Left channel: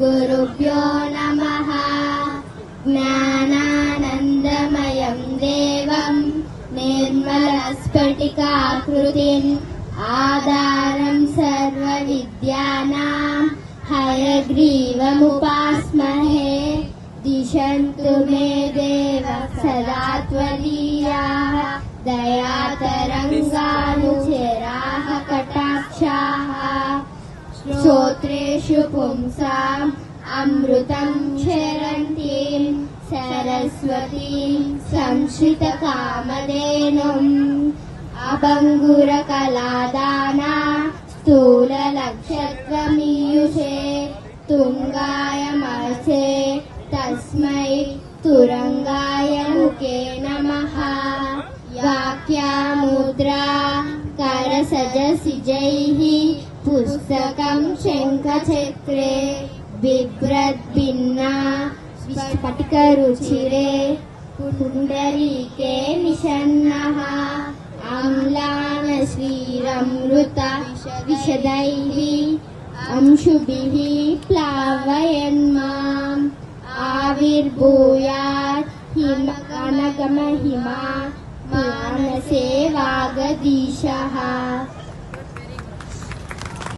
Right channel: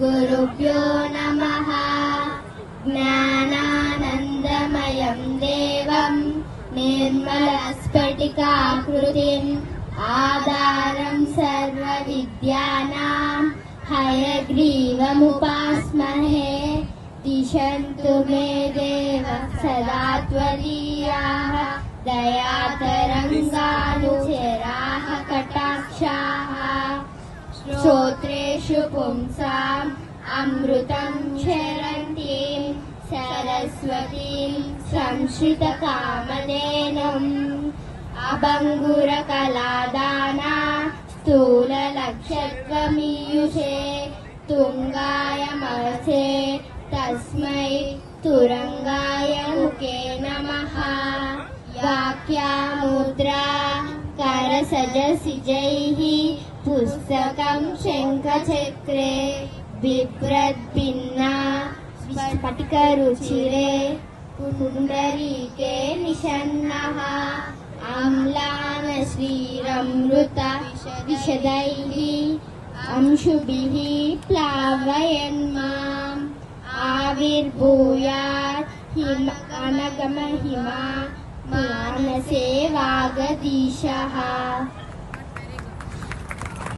गुरुभ्यो नमः। ज्ञानानन्दमयं देवं निर्मलस्फटिकाकृतिम् आधारं सर्वविद्यानां हयग्रीवमुपास्महे। दिशन्तु मे देव सदा त्वदीयाः पुंसाम् अमृतं क्षरन्तीं सरस्वतीं संश्रितकामधेनुम् अभङ्गुरकलादाना स्थूललक्ष्यत्वमीयुषे तुङ्गाय महसे तस्मै तुरङ्गाय मुखे नमः। वाक्यामुद्रा सजसिजैः पुस्तकं शङ्खचक्रे बिभ्रद्भिन्ना स्फटिकरुचिरे पुण्डरीके निषन्नः आम्लानश्रीरमृत विशदैः अंशुभिः प्लावयन्माम् आविर्भूयात् हिम अनगमहिमा मानसे 在底下哈。